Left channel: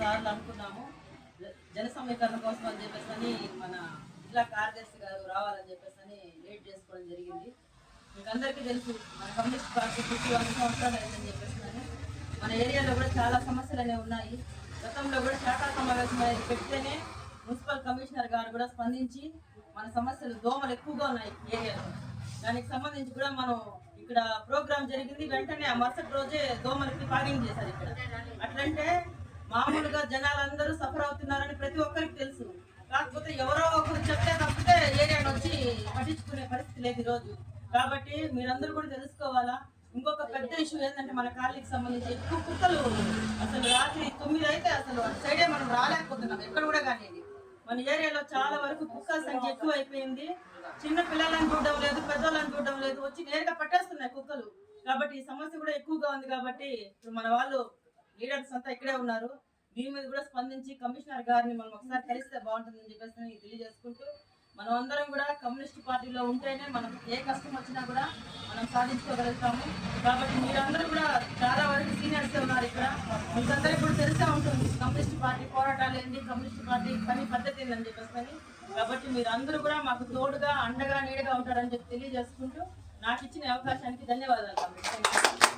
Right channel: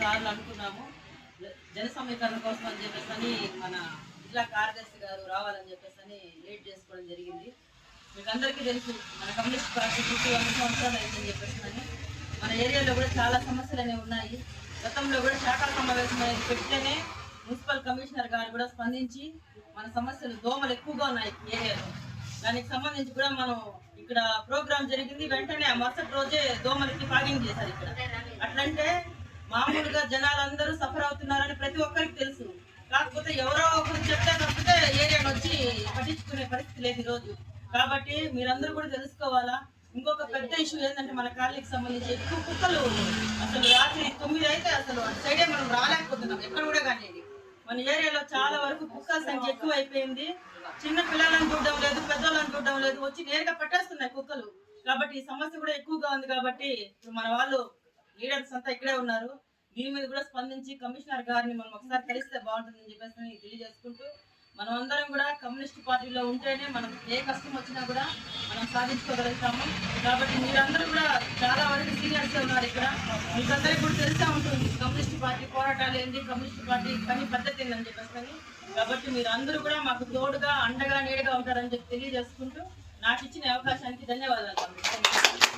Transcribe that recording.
సార్లు అనుకున్నాము జన సమీకరణ కోసం అని చెప్పేసి మన జిల్లా కార్యదర్శి గారు రావాలని చెప్పేసి లేట్ చేసుకోవడం జరిగింది. మీకు అందరికీ తెలుసు మన కమ్యూనిస్ట్ పార్టీ 100 సంవత్సరాలు అయిందని చెప్పేసి మన ఏరియాలో కూడా చాలా సమస్యలు అనేవి ఉన్నాయి. గతంలో కూడా శాఖా సమావేశం అనేది పెడితేనే మున్సిపల్ కమిషనర్ గారు కూడా స్పందించి మన సమస్యలు దోమలు ఎక్కువగా ఉన్నాయి ఏరియాలో, దానికి సంబంధించి కూడా మనం ఇక్కడ ప్రోగ్రామ్ జరిగింది. వెంటనే ఆ మరుసటి రోజే దోమలకి ఫాగింగ్ చేశారు ఇక్కడ. అట్లంటే మామూలుగా జనాలందరూ సఫర్ అవుతున్నారని ప్రతి ఒక్కరికి తెలుసు. కాకపోతే ఎవరో ఒకరు చెప్తే తప్పితే ఏరియాను వచ్చి పట్టించుకునే పరిస్థితి లేదు ఈరోజు. కాబట్టి మీరందరూ కూడా తెలుసుకోవాలా. ఇంకొక పెద్ద ఇష్యూ ఏంటంటే మన కాలనీకి సంబంధించి ఎక్కువ కుక్కలు, అసలు రాత్రి 9 అయితే అసలు అటు సైడే మనం రాలేకపోతున్నాం ఎక్కడ కూడా. కానీ మన ఏరియాలో చాలా వరకు కుక్కల సంఖ్య ఎక్కువ అయిపోయింది. చిన్న పిల్లలను చూడడం లేదు, పెద్దోళ్ళని చూడడం లేదు, వచ్చి నేరుగా పట్టేస్తున్నాయి కుక్కలు. కాబట్టి ఈ సమస్య కూడా ఎక్కువగా ఉంది. కాబట్టి ఇప్పుడు మన వాళ్ళు లీడర్స్ అంతా ఇక్కడే ఉన్నారు. దీని మీద కూడా స్పందించి కమిషనర్ గారిని మనం ఒకసారి కలిస్తే బాగుంటుందని చెప్పేసి తెలియజేసుకుంటూ, మనం అందరం కూడా కమ్యూనిస్ట్ పార్టీలో ఉంటేనే మనం ఏ కష్టం వచ్చినా కూడా మనం సాధించుకోగలుగుతాము. కాబట్టి మీరందరూ కూడా చాలా వరకు సీనియర్స్ ఉన్నారు ఇక్కడ, మీకందరికీ కూడా తెలిసే ఉంటుంది కమ్యూనిస్ట్ పార్టీ పోరాటాలు ఏంటి, కమ్యూనిస్ట్ పార్టీ పని పద్ధతి ఏంటని చెప్పేసి. కాబట్టి మీరు అందరూ కూడా మాకు తోడుగా అండగా నీడగా ఉంటారని చెప్పి తెలియజేసుకుంటూ నాకు ఇచ్చిన అవకాశానికి ధన్యవాదాలు.